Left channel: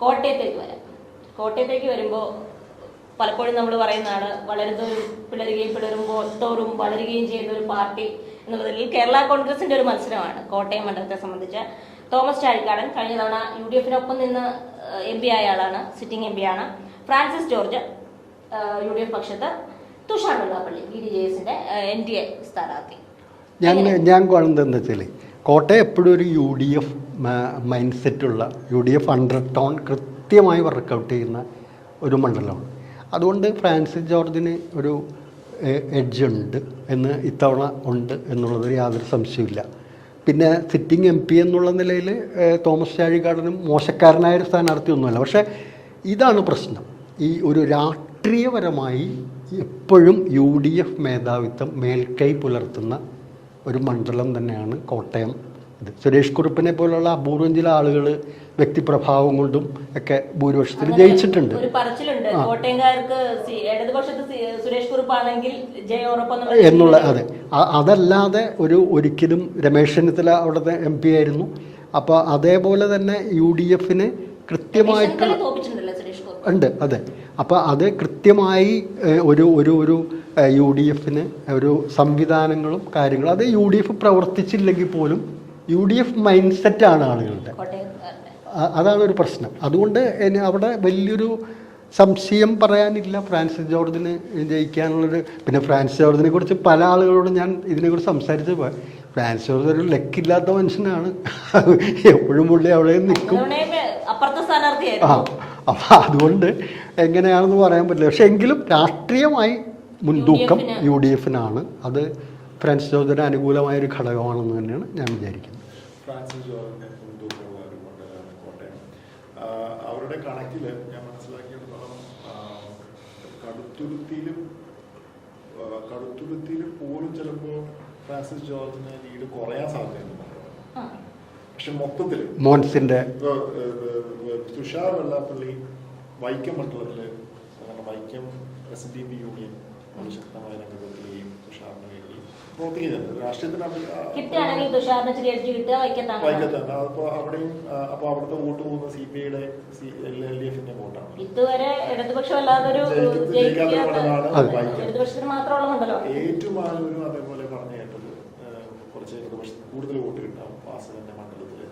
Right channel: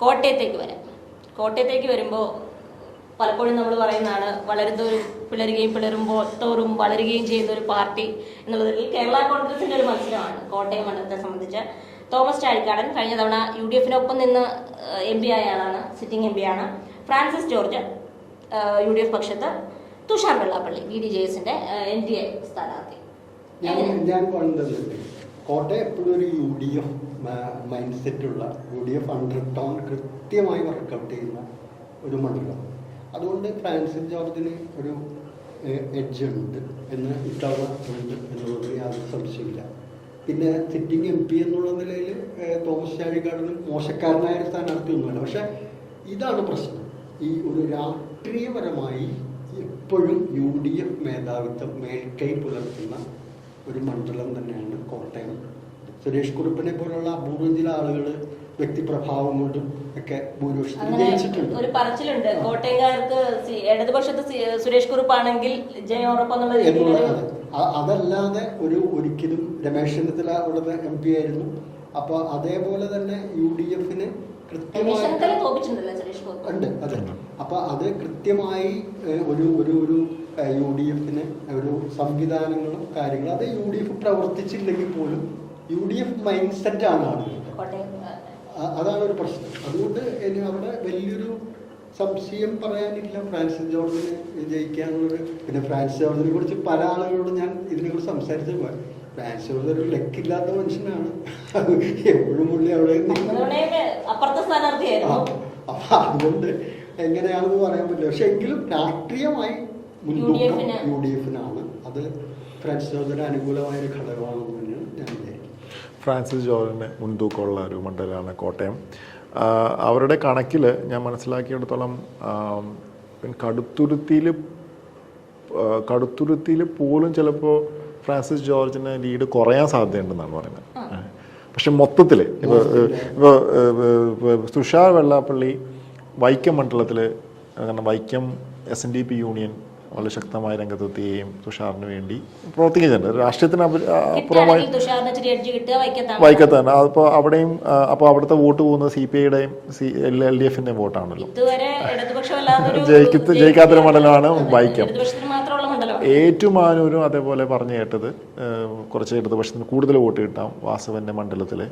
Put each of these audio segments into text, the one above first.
കോട്ടയത്തേക്ക് വരാം. കോട്ടയത്തേക്ക് വരുമ്പോൾ പലപ്പോഴും നമ്മൾ പറയുന്നതാണ് വളരുന്നവരും പിളരുകയും പിളരുമ്പോൾ തോറും വളരുകയും ചെയ്യുന്ന ഒരു പാർട്ടി എന്നുള്ളതിൽ കേരള കോൺഗ്രസിന്റെ ഒരു മത്സരമാണ് കോട്ടയം മണ്ഡലത്തെ സംബന്ധിച്ച്. തോമസ് ചാഴിക്കാടൻ കഴിഞ്ഞ തവണ യു ഡി എഫിനൊപ്പം നിന്ന് എം പി ആയ ആളാണ് സിറ്റിംഗ് എം പി ആണ്. Francis George U D F പക്ഷത്ത്. Thushar Vellappally B D J എസിന്റെ എൻ ഡി എ സ്ഥാനാർത്ഥി. ഞാൻ ഞാൻ കോട്ടയം എപ്പോഴും ഒരു U D F mind സെറ്റുള്ള U D F under tone കൃത്യമായി വർക്കൗട്ട് ചെയ്യുന്ന ഒരു മണ്ഡലമാണ്. അതുകൊണ്ട് ഫ്രാൻസിസ് ജോർജിന് ഒരു എഡ്ജ് ഉണ്ട് എന്ന് ഇത്തവണ ഉണ്ട് എന്നുള്ളതിൽ യാതൊരു സംശയമില്ല പിന്നെ സിറ്റിംഗ് എം പി എന്നുള്ള നിലയിൽ തോമസ് ചാഴികാടനും മോശക്കാരനായ ഒരു സ്ഥാനാർത്ഥിയൊന്നുമല്ല പക്ഷേ ഇതാണ് പ്രശ്നം. ഈ ഒരു രാഷ്ട്രീയപരമായി എപ്പോഴും യു ഡി എഫ് മേധാവിത്വം മേൽക്കൈ പുലർത്തുന്ന ഒരു മണ്ഡലം തന്നെയാണ് കോട്ടയം. ഇത് സുരേഷ് കുറുപ്പിനെ പോലുള്ള അപൂർവം ചില ആളുകൾ വ്യക്തിപ്രഭാവം കൊണ്ടും ഒക്കെ ഭൂരിപക്ഷത്തിൽ ജയിച്ചിട്ടുണ്ട്. ഒരു പറച്ചിലുണ്ട്. കോട്ടയംകാർക്ക് സി- ഇടതുപക്ഷത്ത് സുരേഷ് കുറുപ്പാണെങ്കിൽ എന്നുള്ള അതെ. അതല്ലാതെ ഒരു ഒരിക്കലും രമേശ് ചെന്നിത്തല അവിടുത്തെ എം പി ആയിരുന്നു. അപ്പോൾ അതേപോലെ തന്നെ യു ഡി എഫിന് കൃത്യമായിട്ട് ഉണ്ട് അതെ. അപ്പോൾ അത് കൃത്യമായി ഒരു ഒരു ഒരു യു ഡി എഫിന് ഒരു സംവിധാനങ്ങളും കാര്യങ്ങളും. അത് യു ഡി എഫ് പ്രവർത്തിച്ചില്ലെങ്കിൽ പോലും യു ഡി എഫ് മൈൻഡ് സെറ്റാണ് ആളുകളുടെ. അതാണ് ഒരു പ്രശ്നം. അതുകൊണ്ട് അവിടെ വലിയൊരു സംശയം പറയാനില്ല. ഫ്രാൻസിസ് ജോർജിന് ജയിക്കാനുള്ളൊരു പിന്നെ ഫ്രാൻസിസ് ജോർജിനെ കുറിച്ച് പല ആളുകളോടും ഞാൻ ഇതിനെക്കുറിച്ച് സംസാരിച്ചപ്പോൾ ഫ്രാൻസിസ് ജോർജ് ഒരു ലക്കില്ലാത്ത മനുഷ്യനാണ്. എപ്പോഴും പുള്ളി അവിടെ നിൽക്കും. അപ്പം അതുകൊണ്ട് എങ്ങനെയാണെന്ന് പറയാൻ പറ്റില്ല. പക്ഷെ എങ്കിലും രാഷ്ട്രീയമായി മുൻതൂക്കം യു ഡി എഫിനാണ്. അത് ഫ്രാൻസിസ് ജോർജിന് അനുകൂലമായ ഒരു ഘടകമാണെന്ന് തന്നെയാണ് ഞാൻ വിചാരിക്കുന്നത്. ഫ്രാൻസിസ് ജോർജിന് മുൻതൂക്കമുള്ള ഒരു മണ്ഡലമാണ് കോട്ടയം. അവരുടെ കണക്കിൽ ഞാൻ മനസ്സിലാക്കിയിടത്തോളം കടുത്തുരുത്തിയിൽ കടുത്തുരുത്തിയിൽ പോലും ചിലപ്പോൾ ഫ്രാൻസിസ് ജോർജിന് ലീഡ് കുറയാൻ സാധ്യതയുണ്ടെന്നാണ് പറയുന്നത്. പക്ഷെ മൊത്തത്തിൽ തുഷാർ വെള്ളാപ്പള്ളി വൈക്കം മണ്ഡലത്തിൽ കാരണം Vaikom S N D P union വളരെ ശക്തമായ രംഗത്തെത്തുകയും തുഷാറിന് വേണ്ടി പ്രവർത്തിക്കുന്നുണ്ട് രാഷ്ട്രീയത്തിന് അപ- അപ്പുറമായി വൈക്കത്താണ് അപ്പോൾ അവിടെയും അപ്പോൾ അവിടുത്തെ വോട്ട് പോകുന്നത് സി പി ഐയുടെയും സി എൽ എൽ ഡി എഫിന്റെയും വോട്ടാണല്ലോ. ജയിക്കത്ത് ജയിക്കാത്തൊരു മണ്ഡലമാണ് വൈക്കം. ഏറ്റുമാനൂരും അതേപോലെ പറഞ്ഞു കേട്ടത് കുറച്ച് ഇടതുപക്ഷത്തിന് കൂടുതൽ വോട്ട് കിട്ടാം വാസവന്റെ മണ്ഡലത്തിൽ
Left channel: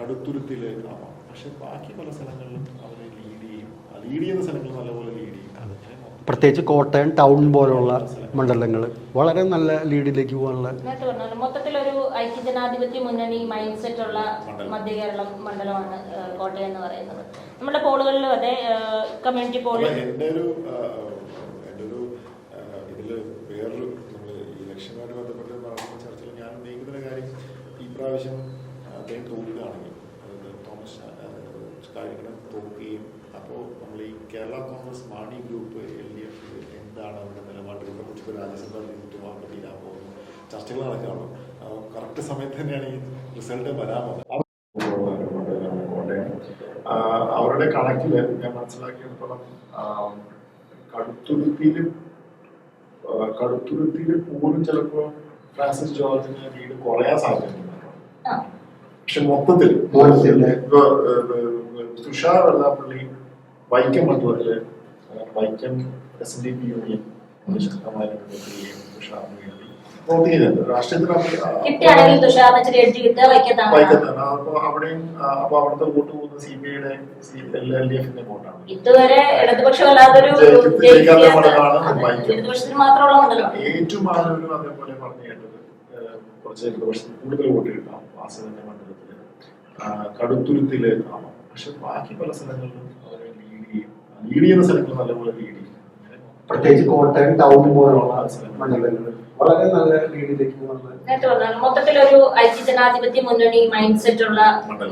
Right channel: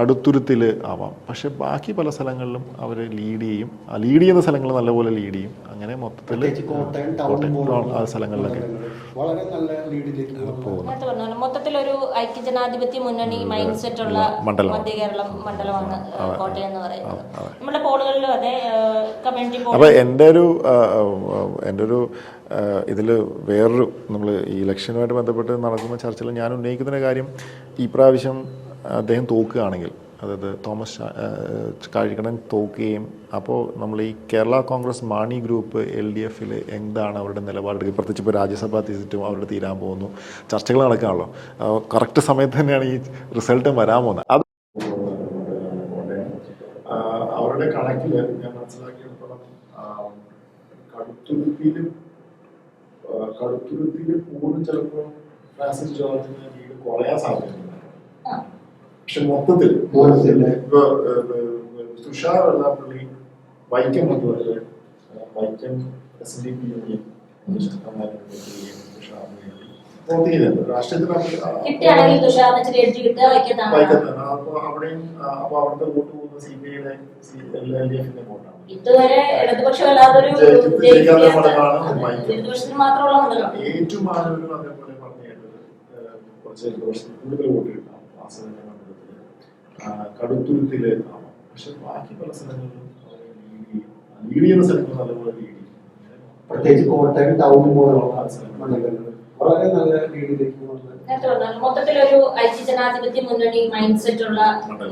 കടുത്തുരുത്തിൽ ആവാം. പക്ഷെ ബാക്കി പല സ്ഥലങ്ങളിലും അവർ ലീഡ് ചെയ്യും. ആ ലീഡ് ചെയ്യുന്ന സ്ഥലങ്ങൾ നല്ലപോലെ ലീഡ് ചെയ്യും. അങ്ങനെ മൊത്തം പ്രത്യേകിച്ച് കോട്ടയം ടൗൺ പോലുള്ള. മണ്ഡലങ്ങൾ വളരെ നല്ല ലീഡിലേക്ക് പോകാനുള്ള മൊത്തത്തിൽ ഒരു ഐക്യജനാധിപത്യ മുന്നണി മൈൻഡ് സെറ്റ് ഉള്ള മണ്ഡലം. മധ്യ കേരളം മണ്ഡലമാണ് കോട്ടയം എന്ന് പറയുന്നത്. നമ്മുടെ പോളുകളിലും അതെ കമ്മ്യൂണിറ്റി പോൾ അപ്പോൾ എന്റെ ഒരു എന്റെ ഒരു ഇതിൽ വേറൊരു നമ്മൾ ഈ ഇലക്ഷനുമായിട്ട് ബന്ധപ്പെട്ട് നടക്കുന്ന ചർച്ചയിൽ ഞാൻ ഉന്നയിക്കുന്ന കാര്യം ഈ പ്രാവശ്യം അദ്ദേഹം തോക്കുകയാണെങ്കിൽ അതായത് തോമസ് ആ, തോക്കുകയും അപ്പോൾ നമ്മൾ ഈ Kerala Congress Mani group L D എഫിൽ എന്താണ് അവരുടെ നിലപാടെടുക്കുക പ്രത്യേകിച്ച് ഇപ്പോൾ രാജ്യസഭാ സീറ്റും അവരുടെ തീരാൻ പോകുന്നു. ചർച്ചകൾ നടക്കാണല്ലോ. കറക്റ്റ് സമയത്ത് തന്നെയാണ് ഈ റിസൾട്ട് വരാൻ പോകുന്നത്. അത് അവരുടെ കണക്കിൽ ഞാൻ മനസ്സിലാക്കിയിടത്തോളം കടുത്തുരുത്തിയിൽ കടുത്തുരുത്തിയിൽ പോലും ചിലപ്പോൾ ഫ്രാൻസിസ് ജോർജിന് വീട് കുറയാൻ സാധ്യതയുണ്ട്. പക്ഷെ മൊത്തത്തിൽ ഇപ്പൊ, തുഷാർ വെള്ളാപ്പള്ളി വൈക്കം അതുപോലെ Vaikom S N D P union ഏറ്റവും ശക്തമായ പ്രവർത്തിക്കുന്നുണ്ട്. രാഷ്ട്രീയത്തിൽ വൈക്കത്താണ്. അപ്പൊ അവിടെയും ആ, അപ്പൊ അവിടുത്തെ വോട്ട് സി ഐയുടെ എൽ ഡി എഫിന്റെ വോട്ടാണ്. ഇതുവരെ ഏറ്റുമാനൂരും അതേപോലെ പറഞ്ഞു കേട്ടത്. ഏഹ്, കുറച്ച് ഇടതുപക്ഷത്തിന് കൂടുതൽ വോട്ട് കിട്ടാം. കടുത്തുരുത്തിൽ ആവാം പക്ഷെ ബാക്കി പല സ്ഥലങ്ങളിലും അവർ ലീഡ് ചെയ്യും. ലീഡ് ചെയ്യുന്ന സ്ഥലങ്ങളിൽ നല്ലപോലെ ലീഡ് ചെയ്യും. പ്രത്യേകിച്ച് കോട്ടയം ടൗൺ പോലുള്ള മണ്ഡലങ്ങൾ വളരെ നല്ല പറഞ്ഞാൽ മൊത്തത്തിലൊരു ഐക്യജനാധിപത്യ മുന്നണി മൈൻഡ് സെറ്റ് ഉള്ള.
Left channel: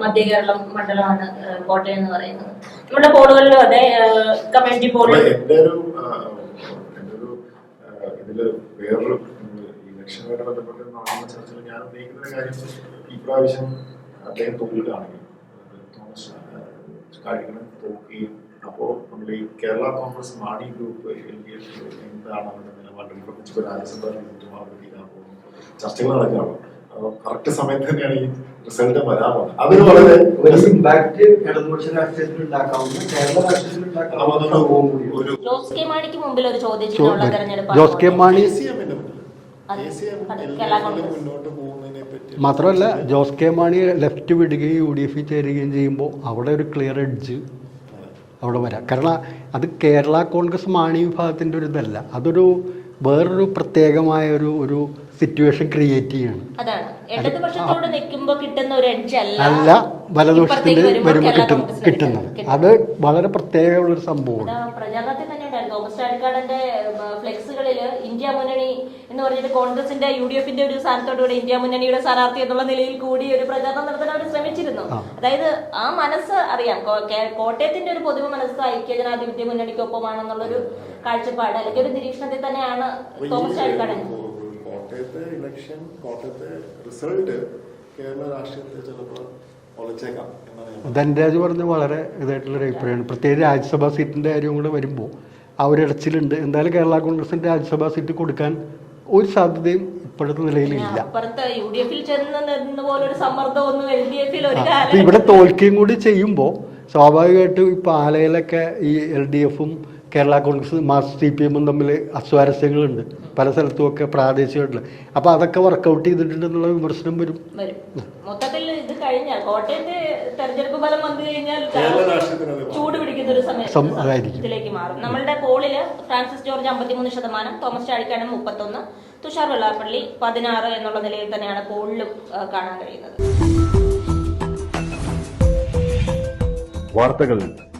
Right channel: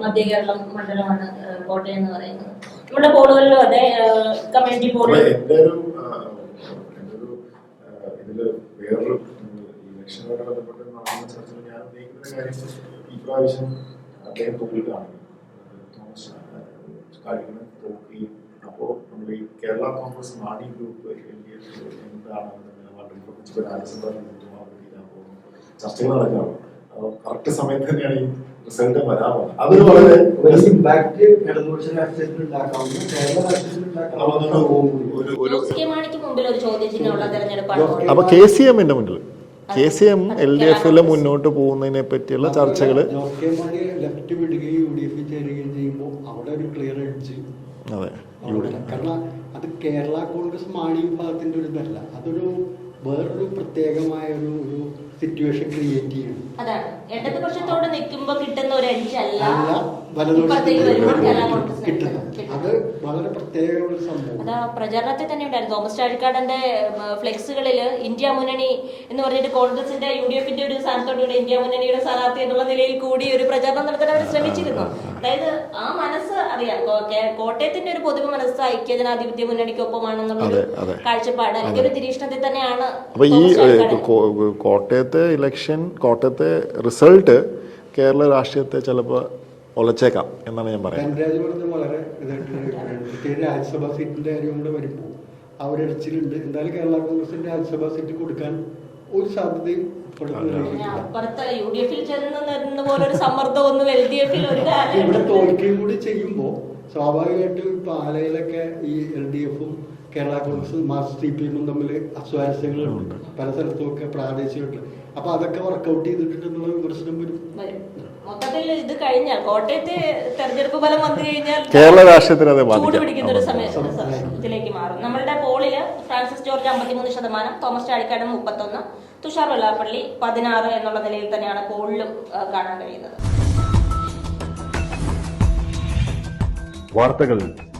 മധ്യ കേരളം മണ്ഡലമാണ് കോട്ടയം എന്ന് പറയുന്നത്. നമ്മുടെ പോളുകളിലും അതെ കമ്മ്യൂണിറ്റി ബോർഡ് പോളിൽ എന്റെ ഒരു ഇതിൽ വേറൊരു ഈ ഇലക്ഷനുമായിട്ട് ബന്ധപ്പെട്ട് ചർച്ചയിൽ ഞാൻ ഉന്നയിക്കുന്ന കാര്യം ഈ പ്രാവശ്യം അദ്ദേഹം തോൽക്കുകയാണെങ്കിൽ തോമസ് കാര്യങ്ങൾ തോക്കുകയും അപ്പോൾ നമ്മൾ ഈ Kerala Congress Mani group L D F എന്താണ് അവരുടെ നിലപാട്? പ്രത്യേകിച്ച് ഇപ്പോൾ രാജ്യസഭാ തീരുമാനം അവർ തീരാൻ ചർച്ചകൾ നടക്കുകയാണ് കറക്റ്റ് സമയത്ത് തന്നെയാണ് ഈ റിസൾട്ട് വരാമോ അതൊരു വളരെ ഒരു ഇമ്പാക്ട് ഇടതുപക്ഷ രാഷ്ട്രീയത്തിൽ ഉണ്ടാക്കാവുന്ന കേരള രാഷ്ട്രീയത്തിൽ ഉണ്ടാക്കാവുന്ന ഒരു ഒരു ജോസ് കെ മാണിക്ക് മുമ്പിൽ ഒരു ചോദ്യം. തെരഞ്ഞെടുപ്പ് Jose K Mani K C എമ്മിന്റെ മുന്നിൽ K C M L D എഫിൽ മുന്നോട്ട് പോകുന്നതിനെ പറ്റിയുള്ള ചർച്ചകൾ ജോസ് കെ മാണി ലെഫ്റ്റ് വിടുകയും യു ഡി എഫിൽ ചേരുകയും ചെയ്യുമ്പോൾ അവിടെ ഒരു ക്ലിയർ എഡ്ജ് അതെ. അവിടെ വരാം. കാരണം അത് കേരള കോൺഗ്രസ് മാണി വിഭാഗത്തിന്റെ ഒരു ഇതല്ല. അതൊരു വേറൊരു പ്രത്യേകമായ ഒരു ഒരു സിറ്റുവേഷൻ ക്രിയേറ്റ് ചെയ്യാണ്. അതാണ്. ഇടതുപക്ഷത്തോട് നിൽക്കുമ്പോ കിട്ടുന്ന ഒരു അടിച്ച് അല്ല. ഇപ്പുറത്തേക്ക് വരുമ്പോൾ കിട്ടും കിട്ടുന്നത് അത് വളരെ പ്രത്യേകമുള്ളൊരു സംഭവമാണ്. സംഭവം പ്രചാരണത്തിൽ തന്നെ ഉണ്ടായിരുന്നു. തോമസ് ചാഴിക്കാടന്റെ ഫ്ലെക്സുകളിൽ ഇന്ത്യ മുന്നണി എന്ന് പറഞ്ഞിട്ട് കോൺഗ്രസിന്റെ യു ഡി എഫിന്റെ ഒരു സ്ഥാനത്തോടുകൂടി ഇന്ത്യ മുന്നണിയുടെ സ്ഥാനാർത്ഥി എന്നുള്ള നിലയിൽ കൂടി ഒരു പ്രചാരണം നടത്താൻ അവർ ശ്രമിച്ചിരുന്നു. അതായത് ആ മനസ്സ് അറിയാം. കോട്ടയത്തിന്റെ ഒരു പൊതുവെ മനസ്സ് ഐക്യജനാധിപത്യ ജനാധിപത്യ മുന്നണിക്കൊപ്പമാണെന്നുള്ള ഒരു കാഴ്ചപ്പാട് അല്ലെങ്കിൽ ഒരു നിരീക്ഷണത്തിൽ തന്നെയാണ് അപ്പൊ ഈ കോട്ടയത്തെ ഇലക്ഷൻ കോട്ടയത്തെ റിസൾട്ട് കേരള രാഷ്ട്രീയത്തെ ചിലപ്പോൾ ഒലച്ചേക്കാം എന്നാണ് ഞാൻ പറയുന്നത്. ധനരാജ് പറഞ്ഞ വളരെ ഇതായിട്ടുള്ളൊരു അഭിപ്രായമാണ്. പ്രത്യേകിച്ച് രാജ്യസഭാ സീറ്റിന്റെ കാര്യം കൂടെ വരുമ്പോൾ ആ ഒരു ഇടച്ചിലുണ്ട്. എന്തായാലും കേരള കോൺഗ്രസിന്റെ രാജ്യസഭാ സീറ്റ് കൊടുക്കാൻ ഒരു സാധ്യതയും ഇപ്പോഴത്തെ നിലയിലില്ല. ഇവിടെ തോൽക്കുകയും കൂടി ചെയ്യുമ്പോൾ സ്വാഭാവികമായിട്ടും ഇപ്പൊ ആലയിലൊക്കെ ഈ എൽ ഡി എഫും Kerala Congress Marx C P എമ്മും തമ്മിൽ അസ്വാരസ്യങ്ങളുണ്ട്. പല സ്ഥലത്തും ഒക്കെ പ്രാദേശികമായിട്ടുള്ള. അപ്പൊ അതൊക്കെ വർക്കൗട്ട് ചെയ്തിട്ടുണ്ടെന്നുള്ള വിമർശനം വരും. മൊത്തത്തിൽ ഇത് കഴിഞ്ഞാൽ കോട്ടയത്തെ തെരഞ്ഞെടുപ്പ് ഫലം വന്നു കഴിഞ്ഞാൽ കേരള രാഷ്ട്രീയത്തിൽ അത് ചൂട് പിടിക്കുന്ന ഒരു സമയം സം- അതായിരിക്കും. ഇതിലേക്ക് മാറും. നമ്മളുടെ പോളിൽ ഫ്രാൻസിസ് ജോർജ് അമ്പത്തിമൂന്ന് ശതമാനം തോമസ് ചാഴിക്കാടൻ മുപ്പത്തൊന്ന് തുഷാർ വെള്ളാപ്പള്ളി പതിനാറ് എന്നുള്ള നിലയിൽ തന്നെയാണ് പോളിലും കാണാൻ കഴിയുന്നത്. വാർത്തകൾ